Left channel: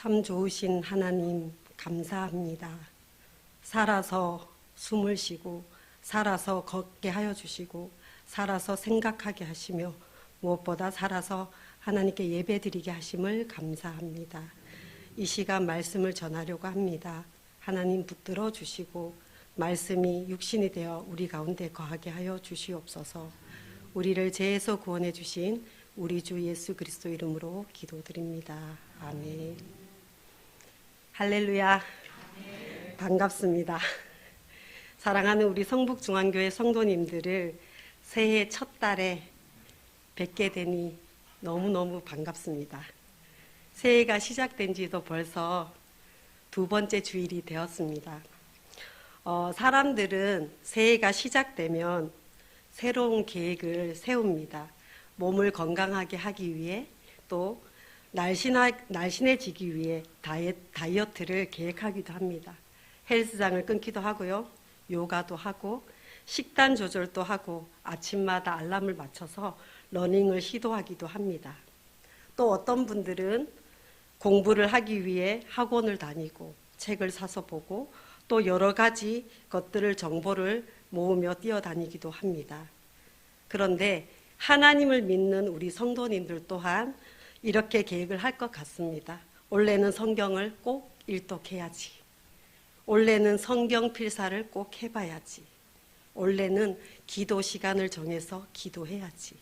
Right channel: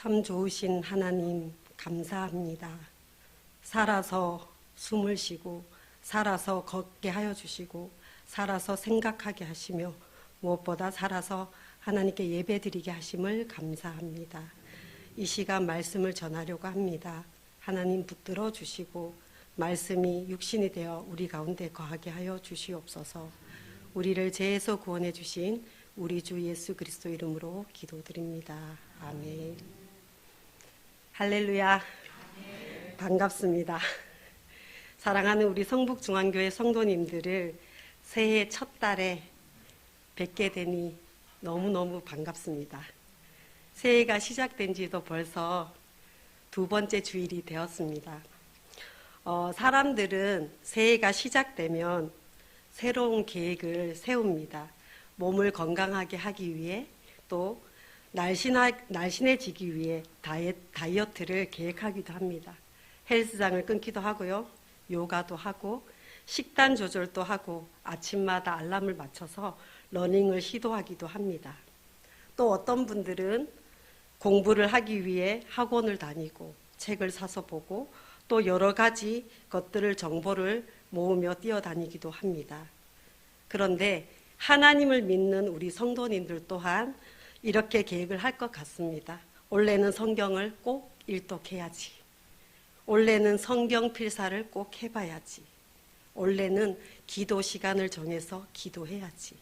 참 좋으신 하나님 감사합니다. 살아서 숨을 쉬고 살아서 걷게 하여 주시고 살아서 생각하게 하시며 무엇보다 살아서 하나님께 예배드리게 하심을 감사합니다. 이 시간 말씀을 전하려고 합니다. 하나님 붙들어 주시고 말씀이 육신이 되어 우리 가운데 거하게 하여 주시옵소서. 우리를 죄에서 구원해 주신 우리 주 예수 그리스도 이름으로 기도드립니다. 아멘. 할렐루야. 반갑습니다. 사랑하는 우리 성북중앙교회 성도님들을 새해 첫 달에 뵙게 되니 너무너무 반갑습니다. 새해가 시작된 지도 벌써 두 번째 주일이 되었습니다. 사람들은 새해가 시작되면 새로운 계획을 세웁니다. 몸을 건강하게 하기 위해 또 날씬해지기 위해 다이어트를 계획하기도 합니다. 헬스장을 끊기도 하고요. 요가도 하고 식단 조절도 하고 아침마다 알람을 맞춰서 러닝을 시도하기도 합니다. 또 어떤 분들은 공부를 하기 위해 학원을 다니고 책을 사서 보고 또 여러 가지 것들을 정보를 모으며 뛰어다니기도 합니다. 그런데 하나님을 믿는 우리 성도님들 또한 이렇게 계획을 할 것 같습니다. 올해는 성경을 꼭 일독해야지. 올해는 성경 필사를 꼭 해봐야지. 올해는 기도 시간을 정해서 기도해야지.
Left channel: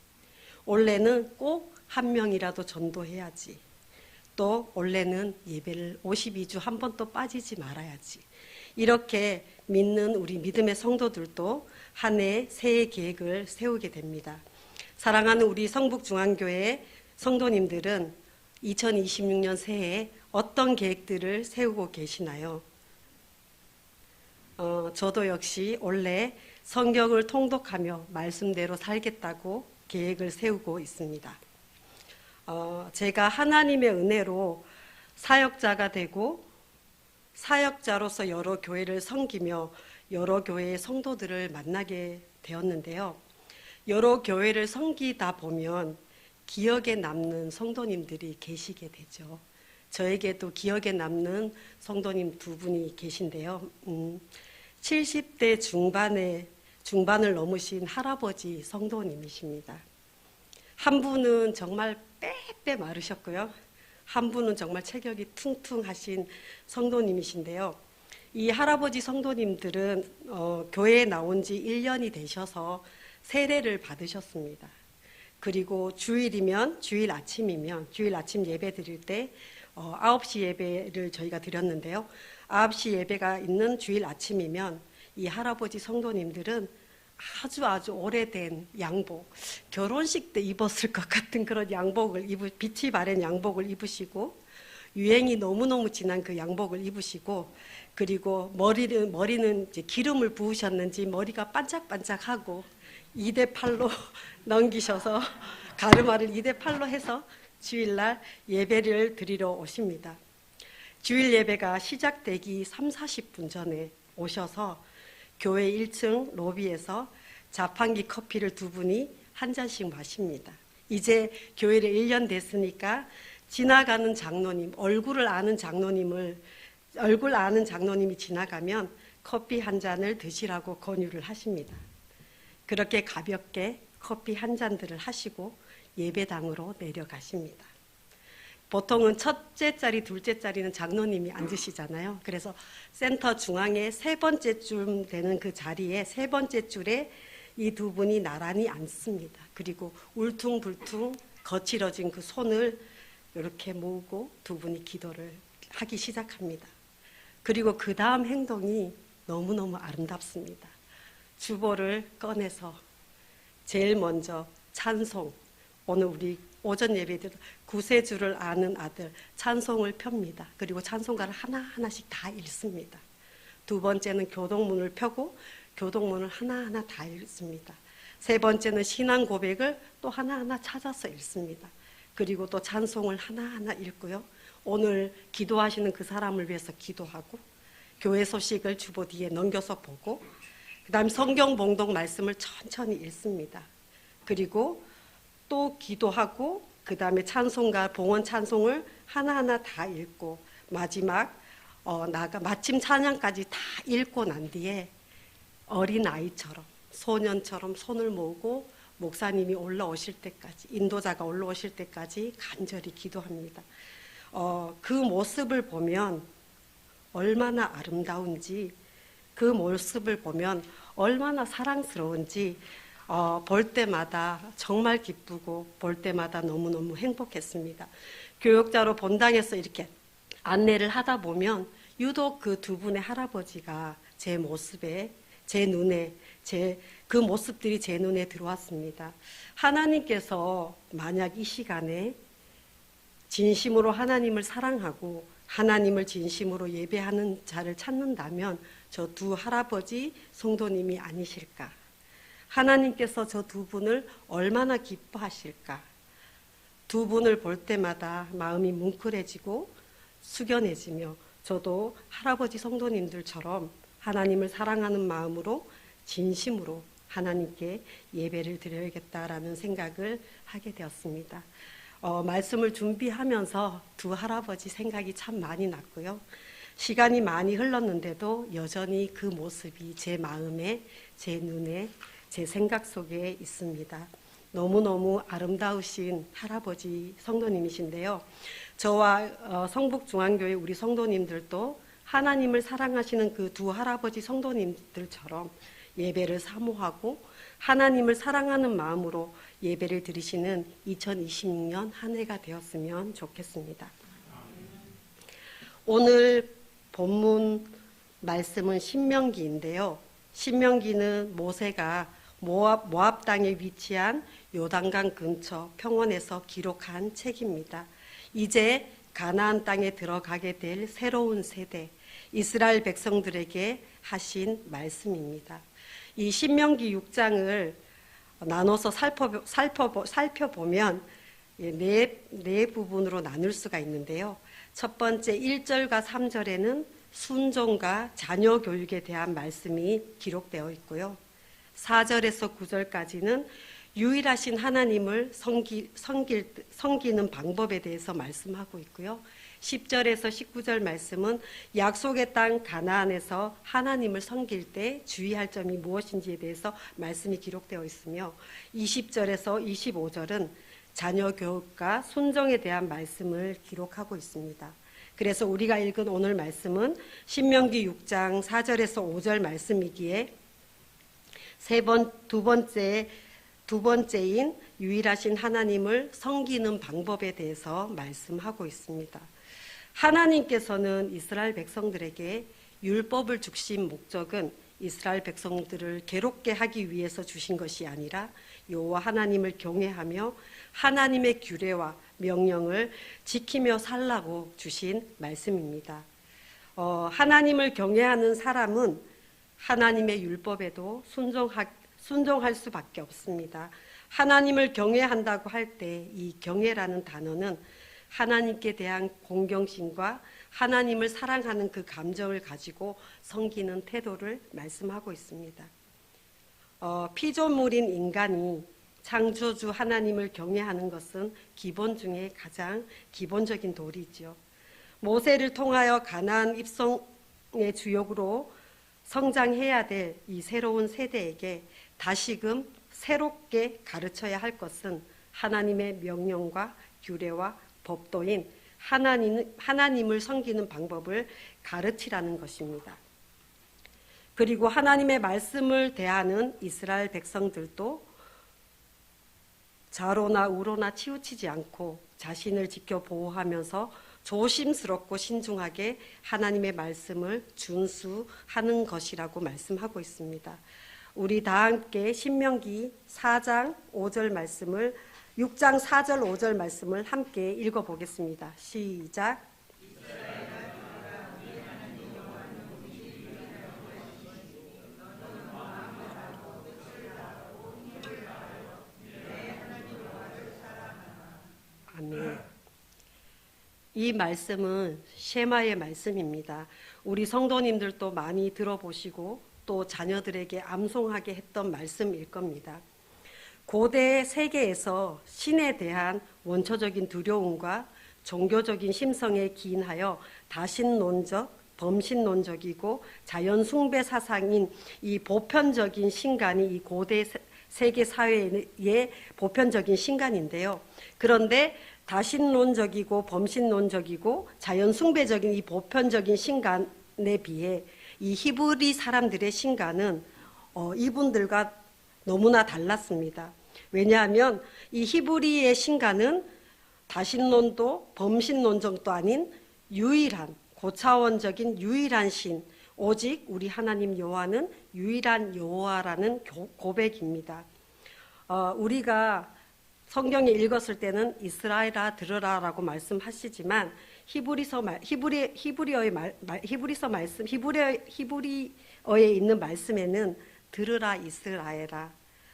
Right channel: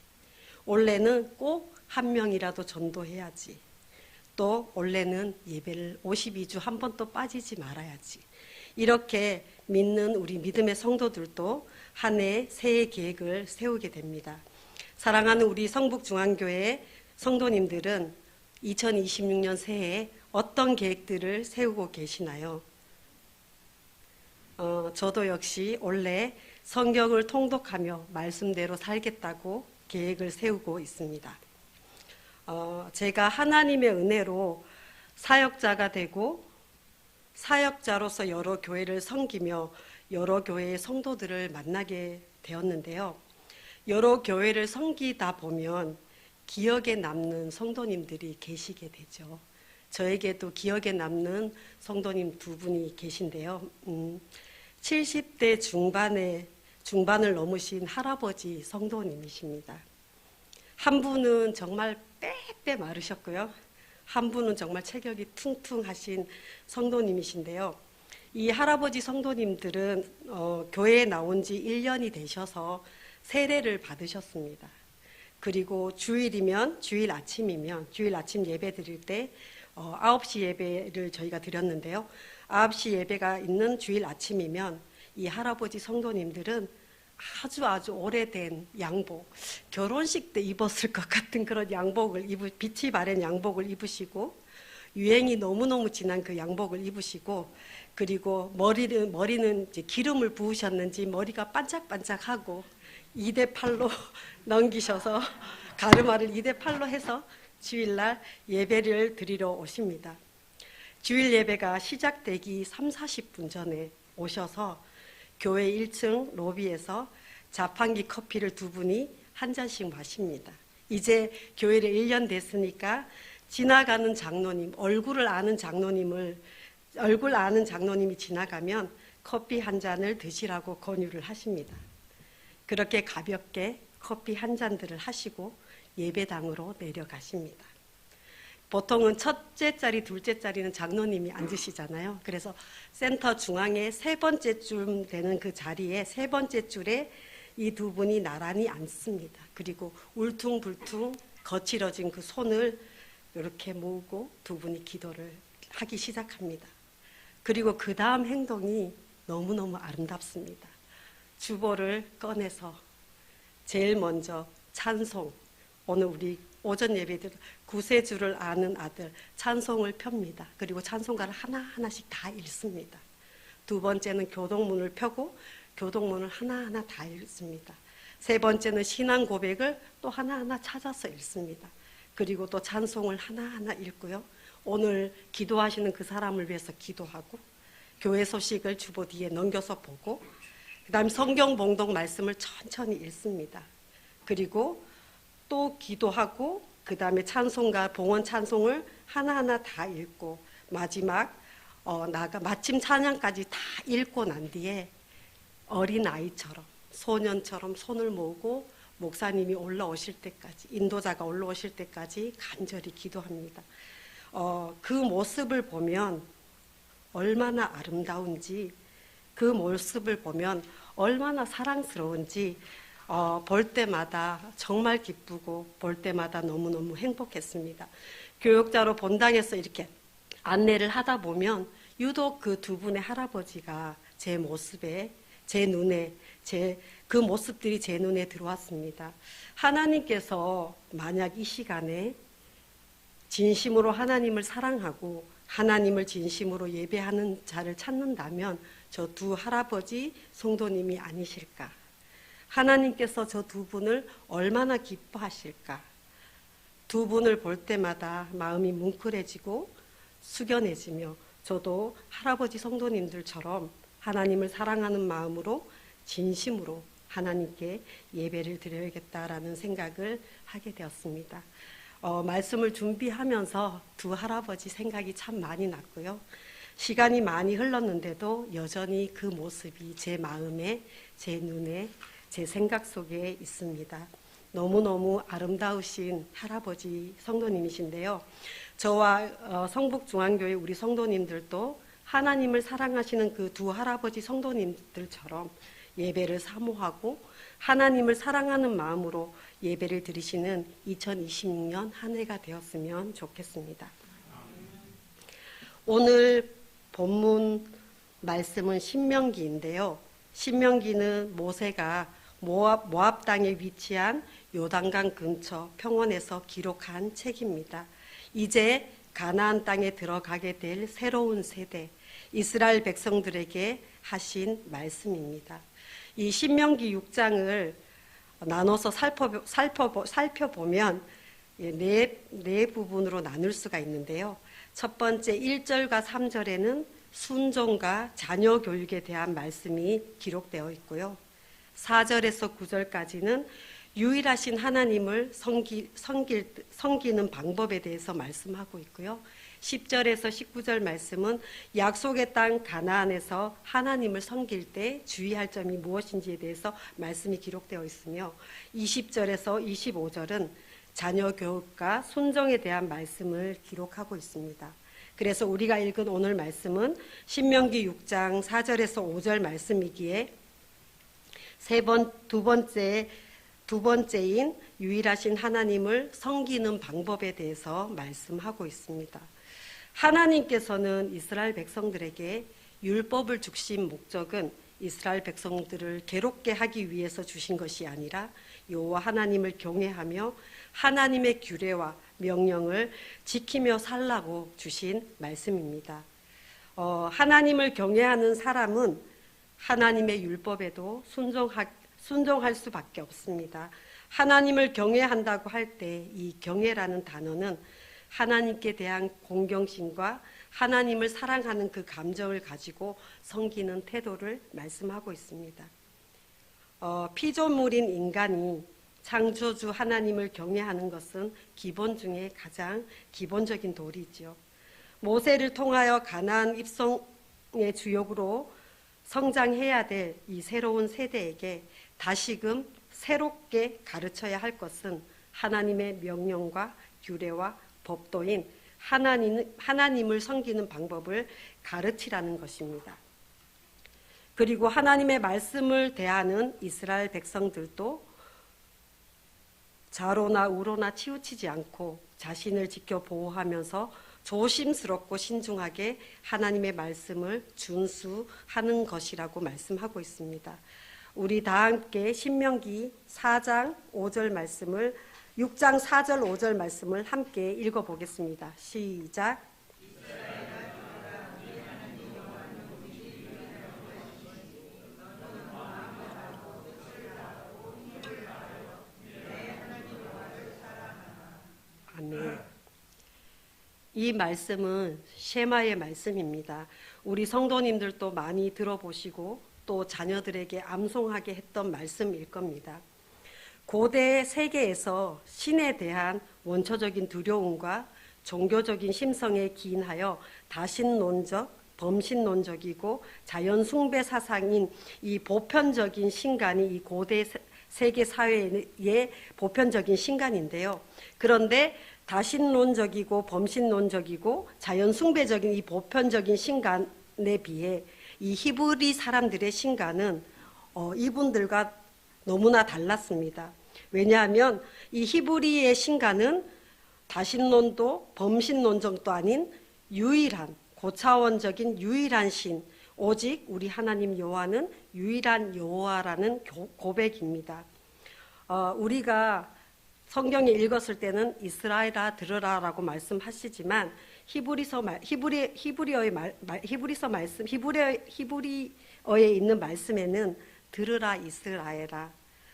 올해는 꼭 한 명이라도 전도해야지. 또 올해는 예배를 52주 한 번도 빠지지 말아야지. 이렇게 믿는 우리 믿음의 성도들도 한 해 새해 계획을 세우게 됩니다. 사랑하는 우리 성북중앙교회 성도님들은 2026년 새해에 어떤 계획들을 세우고 계시나요? 저도 역시 올해 성경을 통독하며 말씀대로 살겠다고 계획을 세우고 있습니다. 제가 하나님의 은혜로 사역자가 되고 사역자로서 여러 교회를 섬기며 여러 교회의 성도들을 만나게 되었는데요. 여러 교회를 섬기다 보면 기억에 남는 성도님들이 계시게 되죠. 저에게도 기억에 남는 성도님 두 분이 계신데요. 70대 중반을 넘으신 할아버지 성도님이십니다. 한 분은 정말 빼빼 마르셨고요. 한 분은 정말 체격이 퉁퉁하신 성도님이신데요. 이 할아버지 성도님들은 교회에 나온 지 1년이 되셔서 세례를 받으셨습니다. 그리고 주일이면 주일 아침 예배 드릴 때 9시 예배를 저희가 드렸는데요. 9시 예배가 있는 주일 아침이면 이 할아버지 성도님들은 아주 오래된 양복, 결혼식 때 입었을 것 같은 그런 양복을 빛이 바랜 양복을 입으시고 유행이 너무너무 진한 그 양복을 입으시고 그리고 머리는 이제 기름을 부으셨는지 머리가 반짝반짝하고 2대8로 넘기셔서 가르마를 2대8로 해서 주일날 예배를 드리러 오십니다. 주일 예배가 시작되기 30-40분 전에 오셔서 교회 1층 로비에서 자판기 커피를 두 분이 한 잔씩 마십니다. 이제 교회를 1년 됐으니까 지나가는 장로님, 얼굴 아는 장로님이 지나가면 커피 한 잔을 드시라고 권유를 하십니다. 그렇게 가볍게 커피 한 잔들을 하시고 예배당으로 내려가십니다. 보통은 첫째 자리, 둘째 자리는 장로님이 앉으시잖아요. 그래서 센터 중앙에 세 번째쯤 되는 그 자리에 세 번째 줄에 이 두 분이 나란히 앉습니다. 그리고 울퉁불퉁 거칠어진 그 손을 이렇게 모으고 두 분이 기도를 하기 시작합니다. 그리고 그 다음 행동이 너무너무 아름답습니다. 주보를 꺼내서 제일 먼저 찬송, 오늘 우리 오전 예배들 구세주를 아는 아들 찬송을 펴니다. 그리고 찬송가를 하나하나씩 다 읽습니다. 두 번째는 교동문을 펴고 교동문을 하나하나 다 읽습니다. 세 번째는 신앙 고백을 또 하나하나 찾아서 읽습니다. 그리고 또 찬송을 하나하나 읽고요. 오늘 기도하시는 그 사람을 위해서 기도하고 교회 소식을 주보 뒤에 넘겨서 보고 그 다음 성경 봉독 말씀을 천천히 읽습니다. 그리고 또 기도하고 그 다음에 찬송가, 봉헌 찬송을 하나하나 다 읽고 마지막 마침 찬양까지 다 읽고 난 뒤에 어린아이처럼 소년처럼 손을 모으고 목사님이 올라오실 때까지, 인도자가 올라오실 때까지 간절히 기도합니다. 그 모습을 보면 얼마나 아름다운지, 그 모습을 보면 얼마나 사랑스러운지 볼 때마다 정말 기쁘고 볼 때마다 너무너무 행복했습니다. 교육자로 본당에서 이렇게 안내를 하다 보면 유독 그 두 분의 할아버지가 제 모습에, 제 눈에, 그 모습들이 제 눈에 들어왔습니다. 하나님께서 만약 이 시간에 진심으로 하나님을 사랑하고 하나님을 진심으로 예배하는 자를 찾는다면 저 두 할아버지 성도님이 아니실까? 하나님께서 저 두 분을 얼마나 기뻐하실까? 두 분을 볼 때마다 마음이 뭉클해지고 숙연해지며 저도 할아버지 성도님들처럼 하나님을 사랑하는 마음으로 진심으로 하나님께 예배를 드려야겠다라는 생각을 하게 되었습니다. 말씀을 준비하면서 두 할아버지 생각이 참 많이 났고요. 시간이 많이 흘렀는데도 여전히 그 모습이 제 마음에, 제 눈에, 제 생각 속에 있습니다. 너무너무 아름다우신 할아버지 성도님이신데요. 저와 성북중앙교회 우리 성도님들도 하나님을 사랑하시는 그 두 할아버지 성도님들처럼 예배를 사모하고 하나님을 사랑하는 마음으로 예배를 드리시는 2026년 한 해가 되었으면 좋겠습니다. 오늘 본문 말씀은 신명기인데요. 신명기는 모세가 모압 땅에 위치한 요단강 근처 평원에서 기록한 책입니다. 이제 가나안 땅에 들어가게 될 새로운 세대, 이스라엘 백성들에게 하신 말씀입니다. 이 신명기 6장을 나눠서 살펴보면 네 부분으로 나눌 수가 있는데요. 첫 번째 1절과 3절에는 순종과 자녀 교육에 대한 말씀이 기록되어 있고요. 4절에서 9절까지는 유일하신 하나님을 섬기는 방법에 대해서 말씀하고 있고요. 10절에서 19절 말씀은 약속의 땅 가나안에서 하나님을 섬길 때 주의할 점이 무엇인지에 대해서 말씀이 기록되어 있으며 20절에서 25절은 자녀 교육과 순종에 대한 말씀을 기록하고 있습니다. 그래서 우리가 읽은 오늘 말씀은 신명기 6장 4절에서 5절 말씀이기에 두 번째인 유일하신 하나님을 섬기는 방법에 대해서 말씀하고 있습니다. 하나님께서는 이스라엘 백성들에게 율법을 주신 목적은 이스라엘 백성들을 괴롭게 하기 위해서 주신 것이 아니라 여호와 하나님을 경외하며 하나님의 규례와 명령을 지키며 살라고 주신 말씀입니다. 하나님을 경외하는 사람은 하나님의 율법에도 순종할 수밖에 없습니다. 하나님을 경외한다고 할 때 이 경외라는 단어는 하나님께 대한 공경심과 하나님을 사랑하는 그 감정을 가지고 섬기는 태도를 말씀하고 있습니다. 피조물인 인간이 창조주 하나님을 경외하는 것은 기본 중에 가장 기본적인 도리죠. 모세를 통하여 가나안 입성의 주역으로 성장해야 될 이 새로운 세대에게 다시금 새롭게 가르쳐야 할 것은 하나님의 명령과 규례와 법도인 하나님을 섬기는 방법을 가르치라는 것입니다. 그리고 하나님의 말씀을 대하는 이스라엘 백성들도 좌로나 우로나 치우치지 않고 자신을 지켜 보호하면서 조심스럽고 신중하게 하나님의 말씀을 준수하는 것이라고 말씀하고 있습니다. 우리 다 함께 신명기 4장 5절 말씀을 6장 4절 5절 말씀을 함께 읽어보겠습니다. 시작. 아멘. 이 말씀은 셰마의 말씀입니다. 우리 성도님들도 많이 들어보시고 또 자녀들에게 암송하게 했던 말씀일 겁니다. 고대 세계에서 신에 대한 원초적인 두려움과 종교적인 심성에 기인하여 다신론적, 범신론적이고 자연 숭배 사상인 이 보편적인 신간이 이 고대 세계 사회의 보편적인 신간인데요. 그런데 다신론적이고 범신론적이고 자연 숭배적인 이 보편적인 신간에 비해 이 히브리 사람들의 신간은 이분들과 너무나 달랐습니다. 왜냐하면 이 히브리의 신간은 다신론도 범신론적도 아닌 유일한 고차원적인 유일한 신, 오직 우리 하나님 여호와는 유일한 여호와라는 고백입니다. 우리가 성경에 읽었을 때는 이스라엘아 들으라라고 말씀하시지만 히브리어에 있는 말씀에는 들으라 이스라엘아,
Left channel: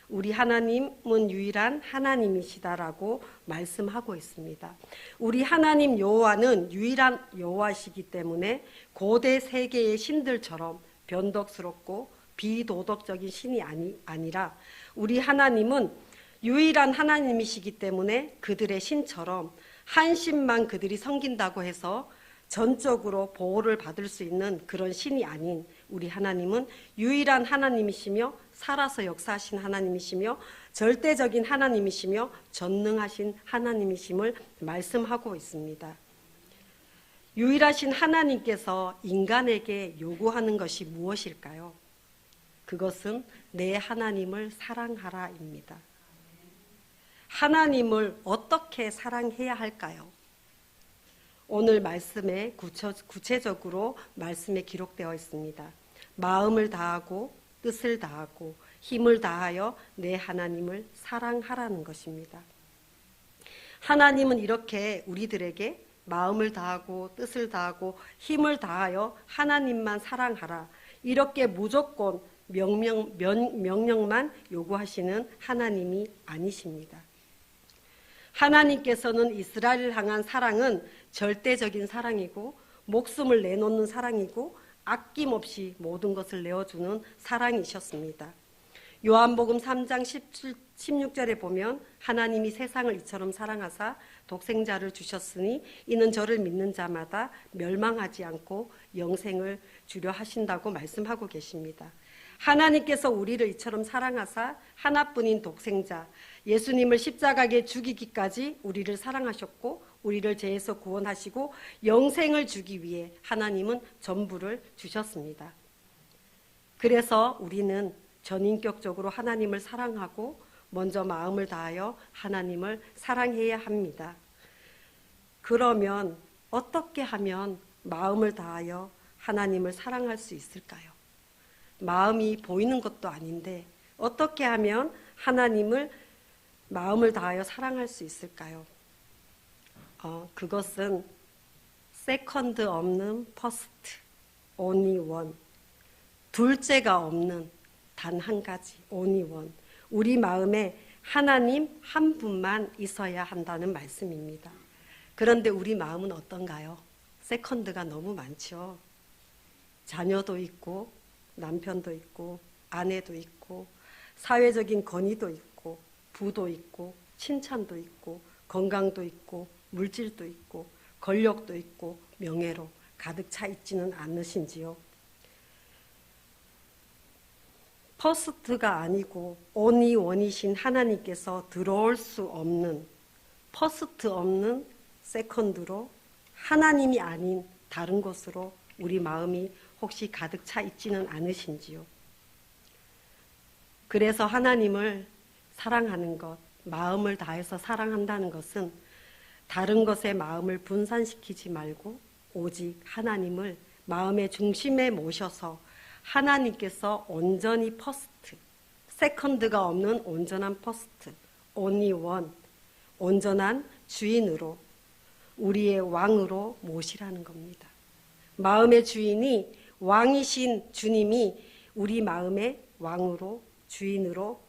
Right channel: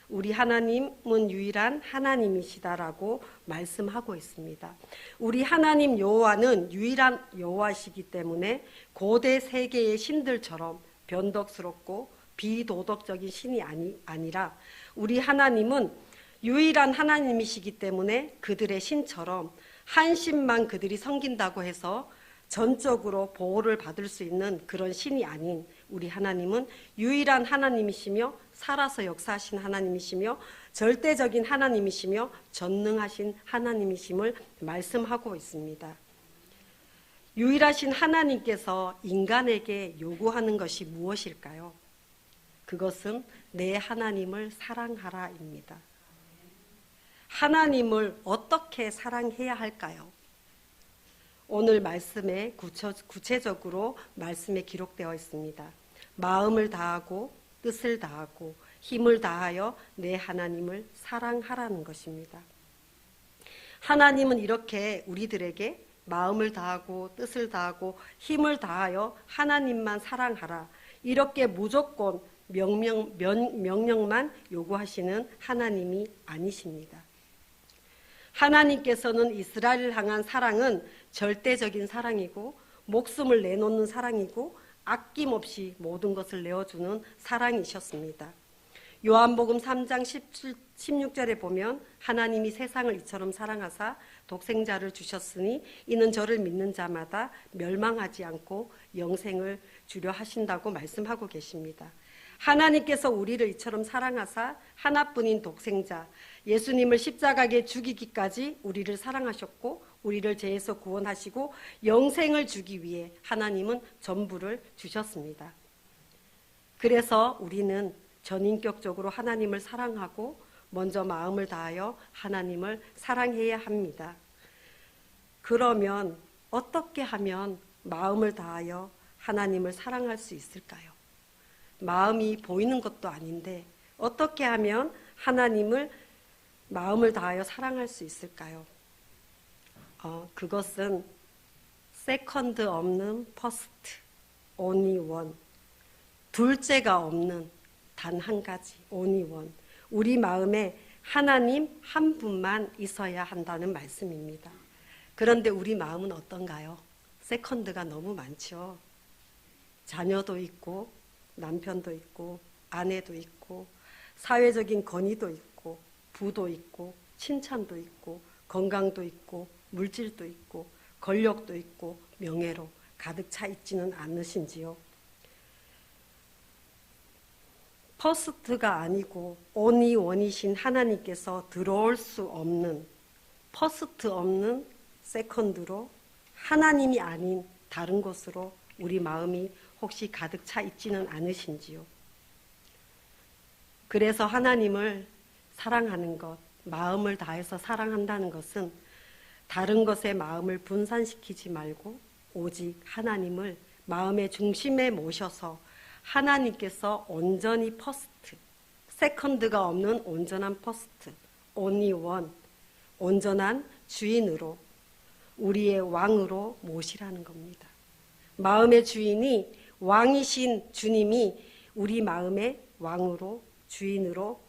우리 하나님은 유일한 하나님이시다라고 말씀하고 있습니다. 우리 하나님 여호와는 유일한 여호와시기 때문에 고대 세계의 신들처럼 변덕스럽고 비도덕적인 신이 아니라 우리 하나님은 유일한 하나님이시기 때문에 그들의 신처럼 한 신만 그들이 섬긴다고 해서 전적으로 보호를 받을 수 있는 그런 신이 아닌 우리 하나님은 유일한 하나님이시며 살아서 역사하신 하나님이시며 절대적인 하나님이시며 전능하신 하나님이심을 말씀하고 있습니다. 유일하신 하나님께서 인간에게 요구하는 것이 무엇일까요? 그것은 내 하나님을 사랑하라입니다. 하나님을 어떻게 사랑해야 할까요? 오늘 말씀에 구체적으로 말씀에 기록되어 있습니다. 마음을 다하고 뜻을 다하고 힘을 다하여 내 하나님을 사랑하라는 것입니다. 하나님은 이렇게 우리들에게 마음을 다하고 뜻을 다하고 힘을 다하여 하나님만 사랑하라, 이렇게 무조건 명령만 요구하시는 하나님이 아니십니다. 하나님께서는 이스라엘을 향한 사랑은 절대적인 사랑이고 목숨을 내놓는 사랑이고 아낌없이 모든 것을 내어주는 사랑이셨습니다. 요한복음 3장 16절에 보면 하나님이 세상을 이처럼 사랑하사 독생자를 주셨으니 이는 저를 믿는 자마다 멸망하지 않고 영생을 주려 하신다고 말씀하고 계십니다. 하나님께서 우리를 이처럼 사랑하사 하나뿐인 독생자 예수님을 십자가에 죽이기까지 우리를 사랑하셨고 우리를 죄에서 구원하시고 영생을 주기 위해 하나님은 전부를 주셨습니다. 그래서 우리는 전인격적으로 하나님을 사랑하고 먼저 마음을 다하여 하나님을 사랑해야 합니다. 그러면 어떻게 하면 마음을 다하여 하나님을 사랑할 수 있을까요? 마음이 보이는 것도 아닌데 어떻게 하면 하나님을 마음을 다하여 사랑할 수 있을까요? 그것은 세컨드 없는 퍼스트, only one, 둘째가 없는 단 한 가지, only one, 우리 마음에 하나님 한 분만 있어야 한다는 말씀입니다. 그런데 우리 마음은 어떤가요? 세컨드가 너무 많죠. 자녀도 있고 남편도 있고 아내도 있고 사회적인 권위도 있고 부도 있고 칭찬도 있고 건강도 있고 물질도 있고 권력도 있고 명예로 가득 차 있지는 않으신지요? 퍼스트가 아니고 only one이신 하나님께서 들어올 수 없는 퍼스트 없는 세컨드로 하나님이 아닌 다른 것으로 우리 마음이 혹시 가득 차 있지는 않으신지요? 그래서 하나님을 사랑하는 것, 마음을 다해서 사랑한다는 것은 다른 것에 마음을 분산시키지 말고 오직 하나님을 마음의 중심에 모셔서 하나님께서 온전히 퍼스트, 세컨드가 없는 온전한 퍼스트, only one, 온전한 주인으로 우리의 왕으로 모시라는 겁니다. 마음의 주인이 왕이신 주님이 우리 마음의 왕으로 주인으로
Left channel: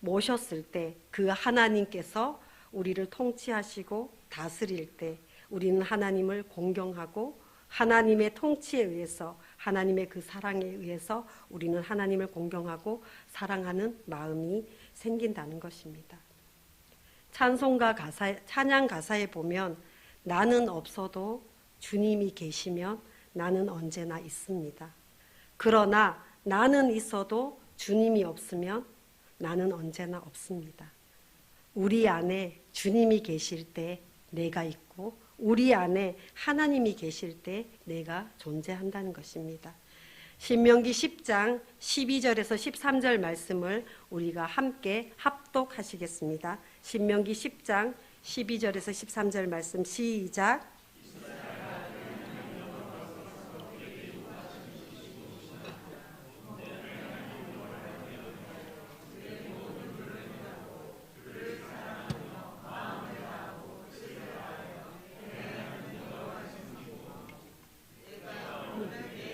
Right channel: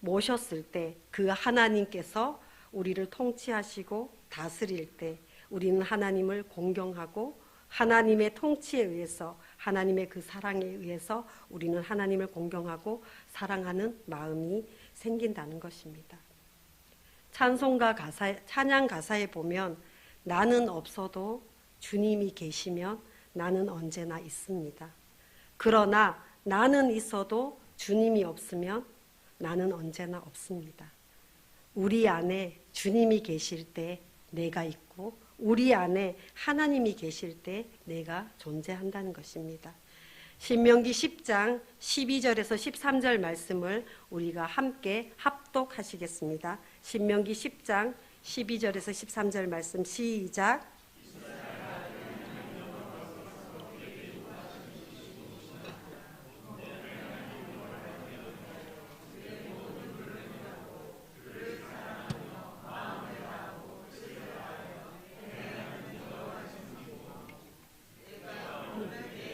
모셨을 때 그 하나님께서 우리를 통치하시고 다스릴 때 우리는 하나님을 공경하고 하나님의 통치에 의해서 하나님의 그 사랑에 의해서 우리는 하나님을 공경하고 사랑하는 마음이 생긴다는 것입니다. 찬양 가사에 보면 나는 없어도 주님이 계시면 나는 언제나 있습니다. 그러나 나는 있어도 주님이 없으면 나는 언제나 없습니다. 우리 안에 주님이 계실 때 내가 있고 우리 안에 하나님이 계실 때 내가 존재한다는 것입니다. 신명기 10장 12절에서 13절 말씀을 우리가 함께 합독하시겠습니다. 신명기 10장 12절에서 13절 말씀 시작.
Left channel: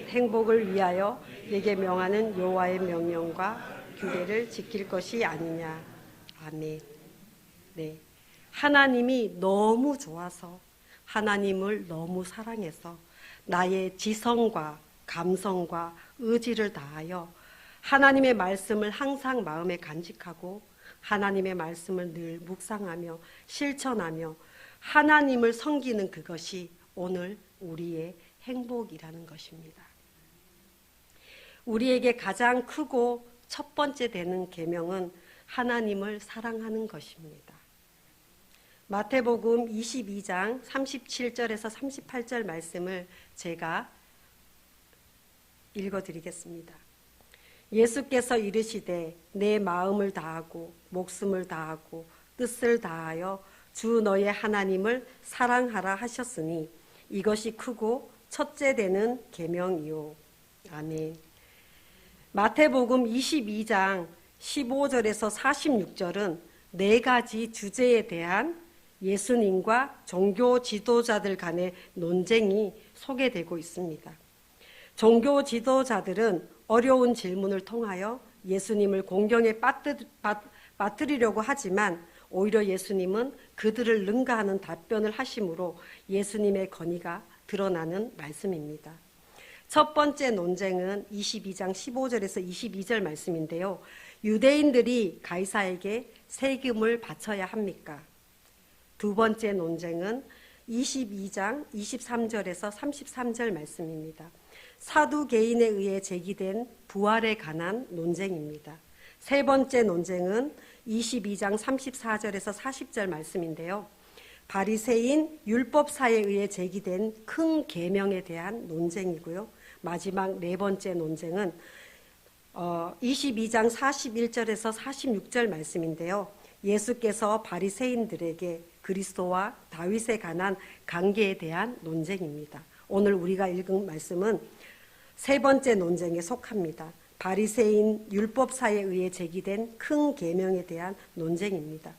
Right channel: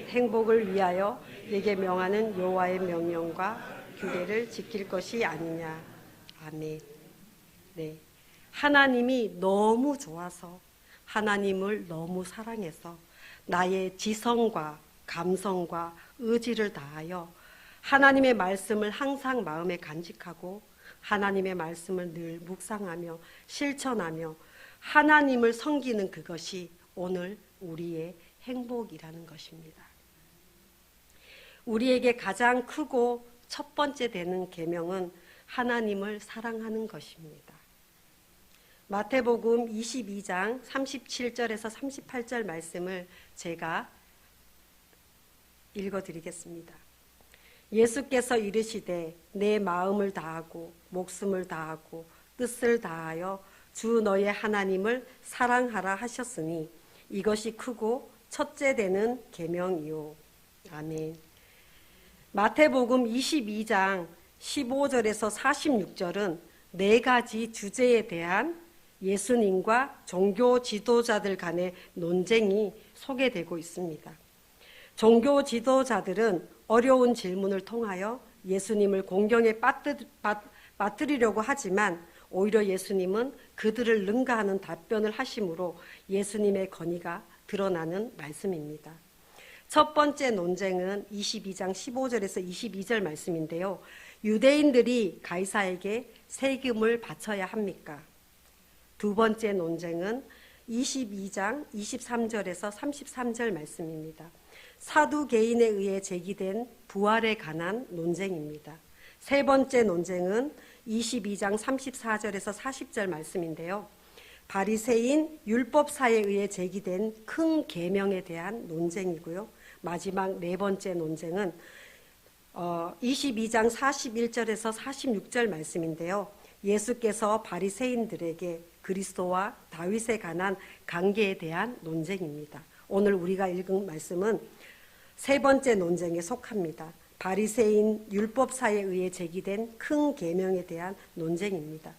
행복을 위하여 내게 명하는 여호와의 명령과 규례를 지킬 것이 아니냐. 아멘. 네. 하나님이 너무 좋아서 하나님을 너무 사랑해서 나의 지성과 감성과 의지를 다하여 하나님의 말씀을 항상 마음에 간직하고 하나님의 말씀을 늘 묵상하며 실천하며 하나님을 섬기는 그것이 오늘 우리의 행복이라는 것입니다. 우리에게 가장 크고 첫 번째 되는 계명은 하나님을 사랑하는 것입니다. 마태복음 22장 37절에서 38절 말씀을 제가 읽어드리겠습니다. 예수께서 이르시되 내 마음을 다하고 목숨을 다하고 뜻을 다하여 주 너의 하나님을 사랑하라 하셨으니 이것이 크고 첫째 되는 계명이요. 아멘. 마태복음 22장 15절에서 46절은 네 가지 주제에 대한 예수님과 종교 지도자들 간의 논쟁이 소개되고 있습니다. 종교 지도자들은 어려운 질문을 통하여 예수님을 공경에 빠뜨리려고 하지만 오히려 예수님은 그들을 능가하는 답변을 하심으로 예수님의 권위가 드러나는 말씀입니다. 첫 번째 논쟁은 22장 15절에서 22절 말씀인데요. 유대인들이 가이사에게 세금을 바쳐야 합니까? 두 번째 논쟁은 22장 23절에서 33절 말씀입니다. 사두개인에 의해 제기된 부활에 관한 논쟁입니다. 세 번째 논쟁은 22장 34절에서 40절 말씀인데요. 바리새인 율법사에 의해 제기된 큰 계명에 대한 논쟁이고요. 마지막 네 번째 논쟁은 22장 41절에서 46절 말씀인데요. 예수께서 바리새인들에게 그리스도와 다윗에 관한 관계에 대한 논쟁입니다. 오늘 우리가 읽은 말씀은 세 번째 논쟁에 속합니다. 바리새인 율법사에 의해 제기된 큰 계명에 대한 논쟁입니다.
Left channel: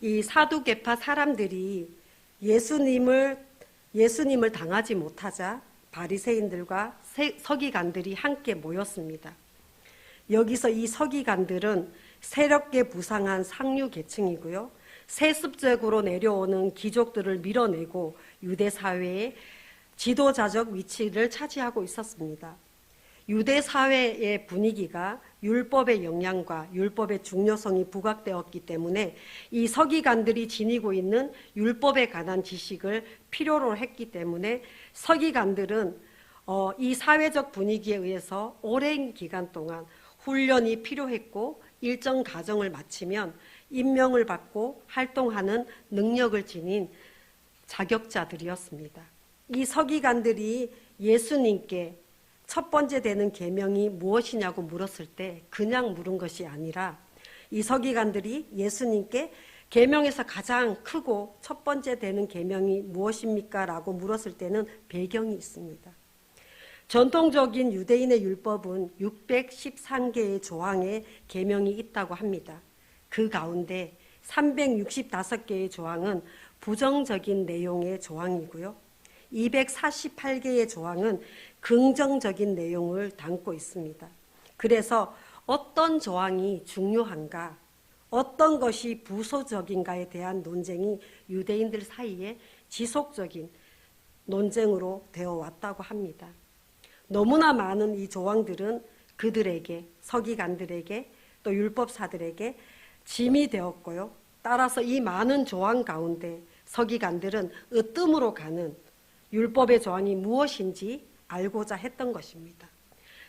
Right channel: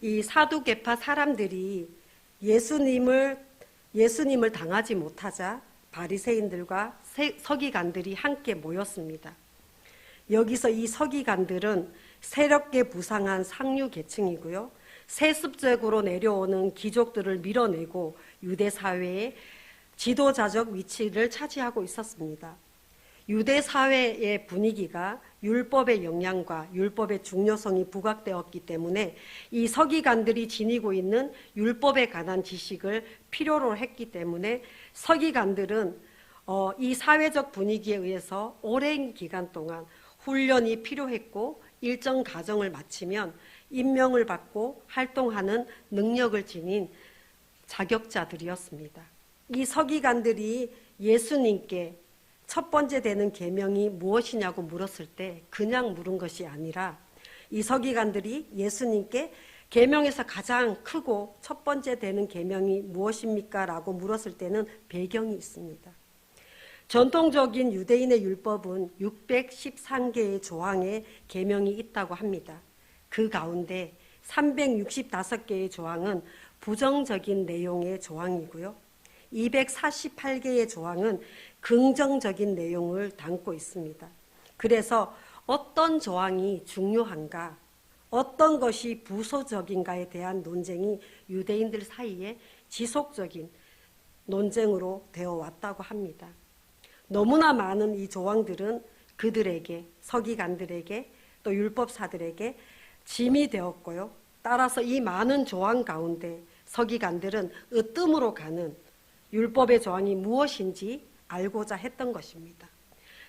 이 사두개파 사람들이 예수님을 당하지 못하자 바리새인들과 서기관들이 함께 모였습니다. 여기서 이 서기관들은 새롭게 부상한 상류 계층이고요. 세습적으로 내려오는 귀족들을 밀어내고 유대 사회의 지도자적 위치를 차지하고 있었습니다. 유대 사회의 분위기가 율법의 영향과 율법의 중요성이 부각되었기 때문에 이 서기관들이 지니고 있는 율법에 관한 지식을 필요로 했기 때문에 서기관들은 이 사회적 분위기에 의해서 오랜 기간 동안 훈련이 필요했고 일정 과정을 마치면 임명을 받고 활동하는 능력을 지닌 자격자들이었습니다. 이 서기관들이 예수님께 첫 번째 되는 계명이 무엇이냐고 물었을 때 그냥 물은 것이 아니라 이 서기관들이 예수님께 계명에서 가장 크고 첫 번째 되는 계명이 무엇입니까? 라고 물었을 때는 배경이 있습니다. 전통적인 유대인의 율법은 613개의 조항의 계명이 있다고 합니다. 그 가운데 365개의 조항은 부정적인 내용의 조항이고요. 248개의 조항은 긍정적인 내용을 담고 있습니다. 그래서 어떤 조항이 중요한가, 어떤 것이 부수적인가에 대한 논쟁이 유대인들 사이에 지속적인 논쟁으로 되어 왔다고 합니다. 너무나 많은 이 조항들은 그들에게, 서기관들에게 또 율법사들에게 짐이 되었고요. 따라서 이 많은 조항 가운데 서기관들은 으뜸으로 가는 율법의 조항이 무엇인지 알고자 했던 것입니다.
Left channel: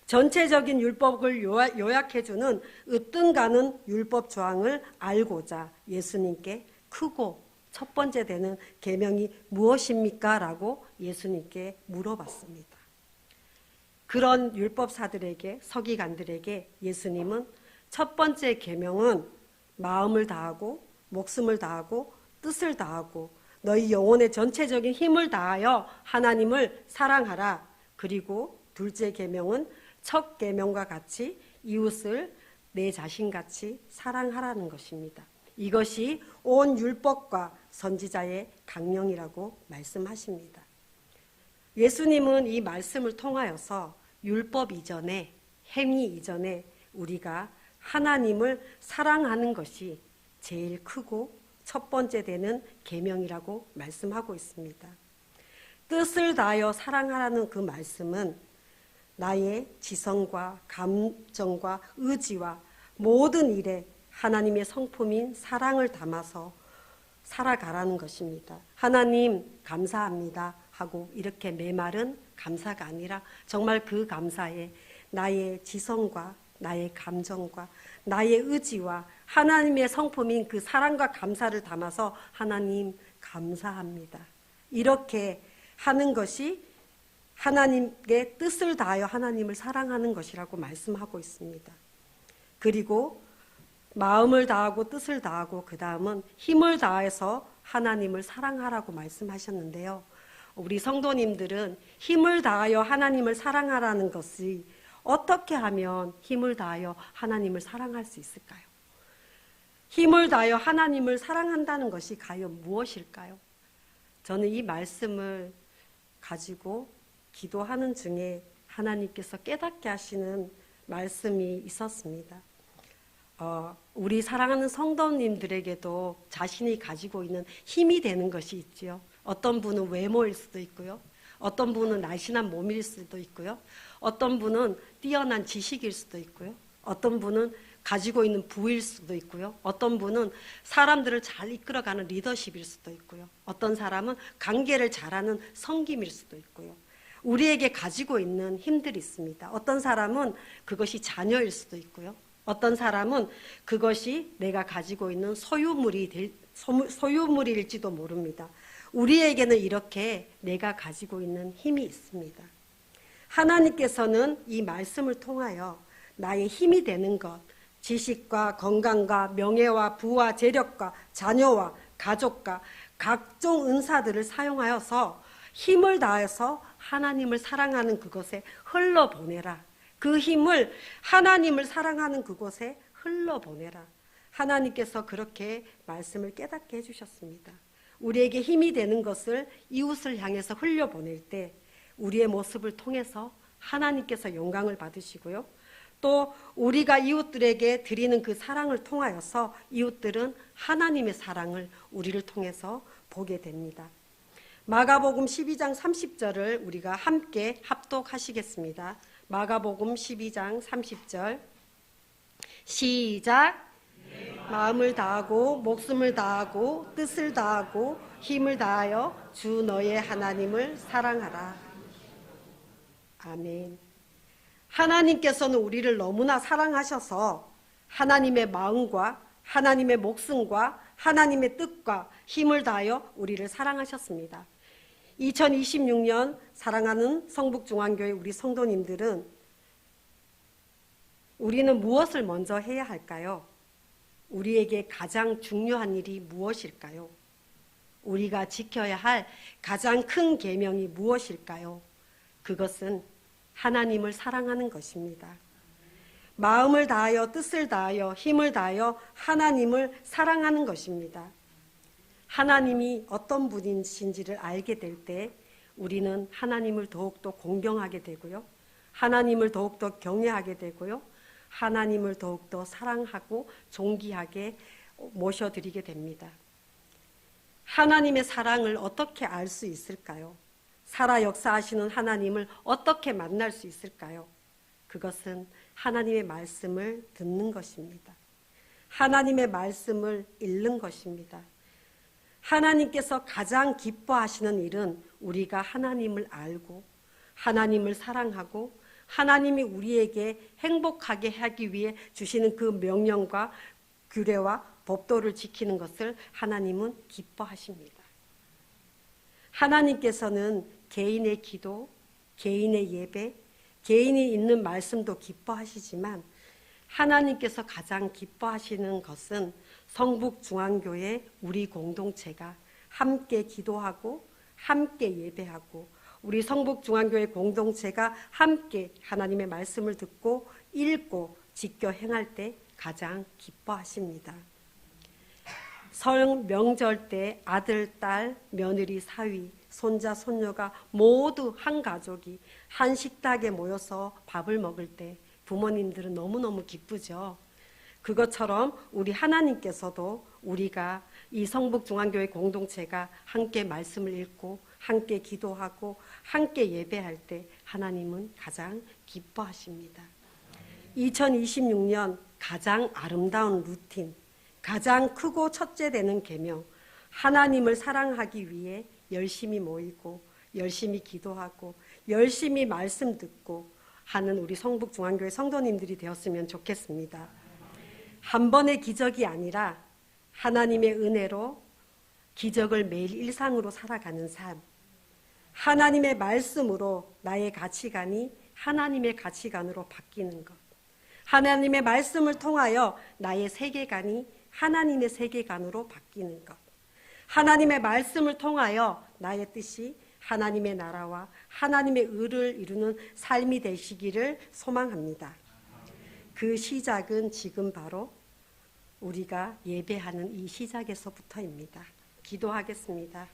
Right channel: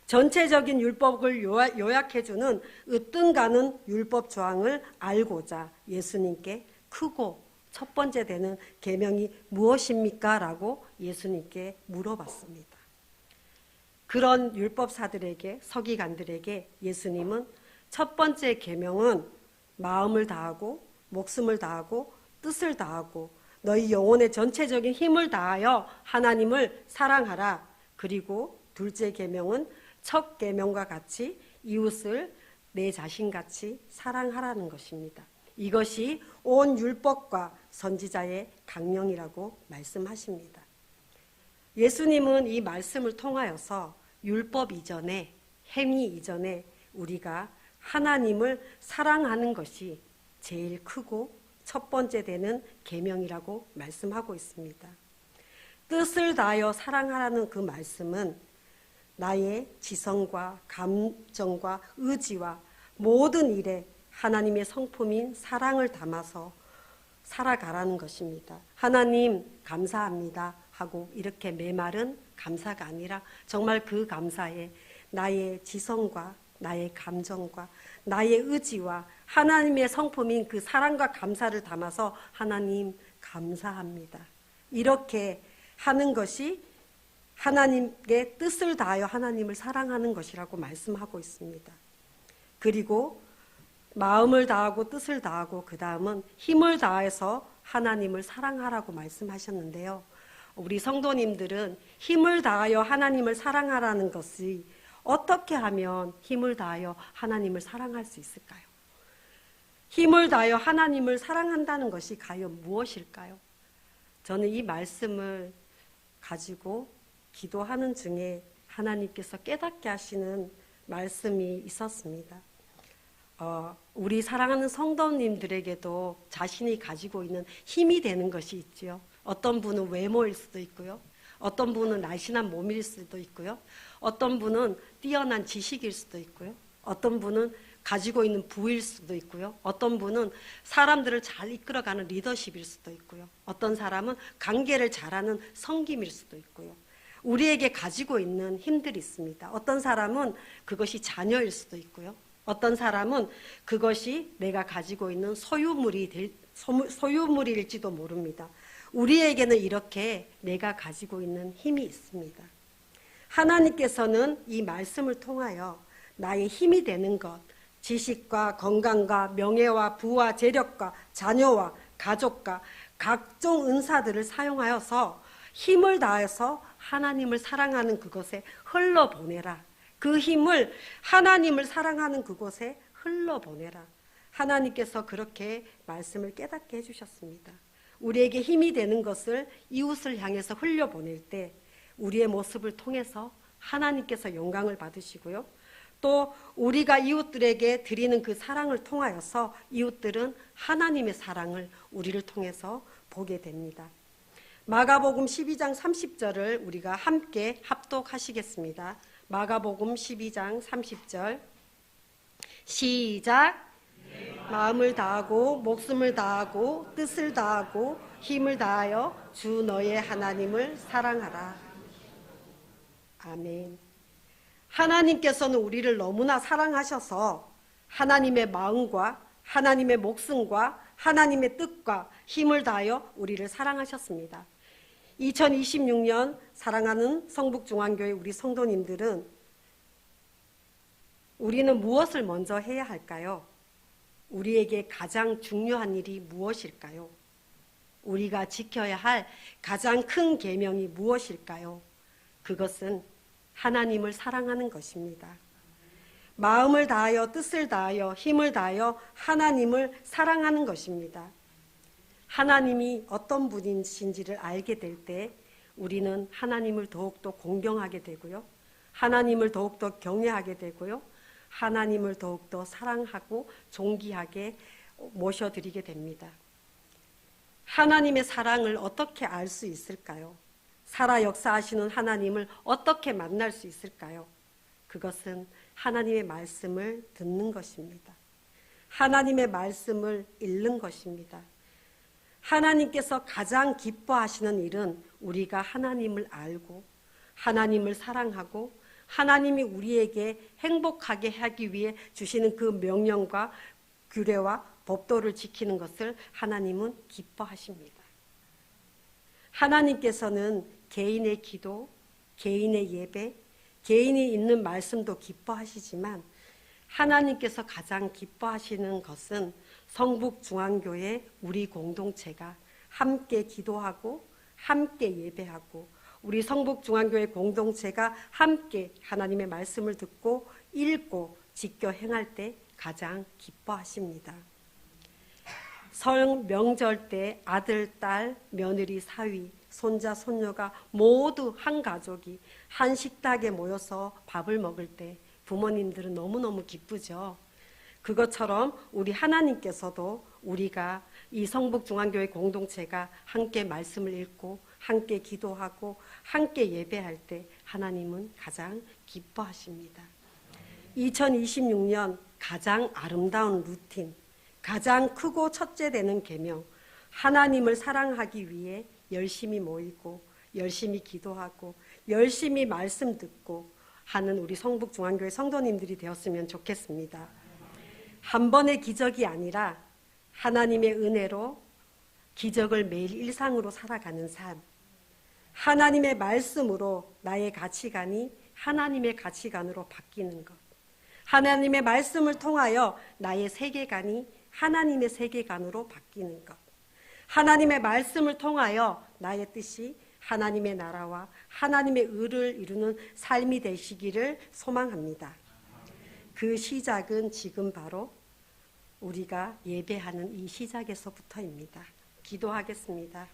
전체적인 율법을 요약해주는 으뜸 가는 율법 조항을 알고자 예수님께 크고 첫 번째 되는 계명이 무엇입니까? 라고 예수님께 물어봤습니다. 그런 율법사들에게, 서기관들에게 예수님은 첫 번째 계명은 마음을 다하고 목숨을 다하고 뜻을 다하고 너희 영혼의 전체적인 힘을 다하여 하나님을 사랑하라. 그리고 둘째 계명은 첫 계명과 같이 이웃을 내 자신같이 사랑하라는 것입니다. 이것이 온 율법과 선지자의 강령이라고 말씀하십니다. 예수님은 이 말씀을 통하여서 율법 이전에, 행위 이전에 우리가 하나님을 사랑하는 것이 제일 크고 첫 번째 되는 계명이라고 말씀하고 있습니다. 뜻을 다하여 사랑하라는 그 말씀은 나의 지성과 감정과 의지와 모든 일에 하나님의 성품인 사랑을 담아서 살아가라는 것입니다. 하나님 감사합니다 하고 이렇게 메마른 감사가 아니라 정말 그 감사에 나의 지성과 나의 감정과 나의 의지와 하나님의 성품인 그 사랑과 감사를 담아서 하나님 감사합니다. 이렇게 하는 것이 하나님의 뜻을 다하여 하나님을 사랑하는 것이라고 말씀하고 있습니다. 그리고 마음을 다하고 뜻을 다하고 그 다음은 힘을 다해서 하나님을 사랑하라고 말씀하셨는데요. 우리 성도님들은 힘을 다하여 하나님을 사랑하라는 것이 어떻게 하면 힘을 다하여 하나님을 사랑할 수 있을까요? 힘을 다하여 하나님을 사랑한다는 것이 과연 무엇일까요? 저는 이 말씀을 가지고 기도하는 중에 하나님께서 깨닫게 하시는 말씀이 있었습니다. 우리 사랑하는 성도님들에게도 자신이 가지고 있는 힘이 되는 것이 있지요. 어떤 분은 외모일 수도 있고요. 어떤 분은 날씬한 몸일 수도 있고요. 어떤 분은 뛰어난 지식일 수도 있고요. 어떤 분은 가지고 있는 부일 수도 있고요. 어떤 분은 사람들을 잘 이끌어가는 리더십일 수도 있고요. 어떤 사람은 관계를 잘하는 섬김일 수도 있고요. 우리에게 가지고 있는 힘들이 있습니다. 어떤 사람은 그것이 자녀일 수도 있고요. 어떤 사람은 그것이 내가 가지고 있는 소유물일지도 모릅니다. 우리에게는 이렇게 내가 가지고 있는 힘이 있습니다. 하나님께서는 이 말씀을 통하여 나의 힘이 되는 것, 지식과 건강과 명예와 부와 재력과 자녀와 가족과 각종 은사들을 사용하여서 힘을 다해서 하나님을 사랑하는 그곳에 흘러보내라. 그 힘을 하나님을 사랑하는 그곳에 흘러보내라. 하나님께서 그렇게 말씀을 깨닫게 해주셨습니다. 우리에게 힘이 되는 것을 이웃을 향해서 흘려보낼 때 우리의 모습을 통해서 하나님께서 영광을 받으시고요. 또 우리가 이웃들에게 드리는 그 사랑을 통하여서 이웃들은 하나님의 사랑을 우리를 통해서 보게 됩니다. 마가복음 12장 30절을 우리가 함께 합독하시겠습니다. 마가복음 12장 30절 시작. 마음을 다하고 목숨을 다하고 뜻을 다하고 힘을 다하여 주 너의 하나님을 사랑하라. 아멘. 하나님께서는 우리를 너무나 사랑하셔서 하나님의 마음과 하나님의 목숨과 하나님의 뜻과 힘을 다하여 우리를 사랑하셨습니다. 2026년 사랑하는 성북중앙교회 우리 성도님들은 우리는 무엇을 먼저 해야 할까요? 우리에게 가장 중요한 일이 무엇일까요? 우리가 지켜야 할 가장 큰 계명이 무엇일까요? 그것은 하나님을 사랑하는 것입니다. 마음을 다하여 뜻을 다하여 힘을 다하여 하나님을 사랑하는 것입니다. 하나님이 어떤 분이신지를 알게 될 때 우리는 하나님을 더욱더 공경하게 되고요. 하나님을 더욱더 경외하게 되고요. 하나님을 더욱더 사랑하고 존귀하게 모셔드리게 됩니다. 하나님의 사랑을 어떻게 알 수 있을까요? 살아 역사하시는 하나님을 어떻게 만날 수 있을까요? 그것은 하나님의 말씀을 듣는 것입니다. 하나님의 말씀을 읽는 것입니다. 하나님께서 가장 기뻐하시는 일은 우리가 하나님을 알고 하나님을 사랑하고 하나님이 우리에게 행복하게 하기 위해 주시는 그 명령과 규례와 법도를 지키는 것을 하나님은 기뻐하십니다. 하나님께서는 개인의 기도, 개인의 예배, 개인이 있는 말씀도 기뻐하시지만 하나님께서 가장 기뻐하시는 것은 성북중앙교회 우리 공동체가 함께 기도하고 함께 예배하고 우리 성북중앙교회 공동체가 함께 하나님의 말씀을 듣고 읽고 지켜 행할 때 가장 기뻐하십니다. 설 명절 때 아들, 딸, 며느리, 사위, 손자, 손녀가 모두 한 가족이 한 식탁에 모여서 밥을 먹을 때 부모님들은 너무너무 기쁘죠. 그것처럼 우리 하나님께서도 우리가 이 성북중앙교회 공동체가 함께 말씀을 읽고 함께 기도하고 함께 예배할 때 하나님은 가장 기뻐하십니다. 2026년 가장 아름다운 루틴, 가장 크고 첫째 되는 계명, 하나님을 사랑하기 위해 열심히 모이고 열심히 기도하고 열심히 말씀 듣고 하는 우리 성북중앙교회 성도님들이 되었으면 좋겠습니다. 한 번의 기적이 아니라 하나님의 은혜로 기적을 매일 일상으로 살아가는 삶, 하나님의 말씀으로 나의 가치관이 하나님의 가치관으로 바뀌는 것, 하나님의 말씀을 통하여 나의 세계관이 하나님의 세계관으로 바뀌는 것, 하나님의 말씀을 통하여 나의 뜻이 하나님의 나라와 하나님의 의를 이루는 삶이 되시기를 소망합니다. 그 시작은 지금 바로 우리가 예배하는 이 시작에서부터입니다. 기도하겠습니다.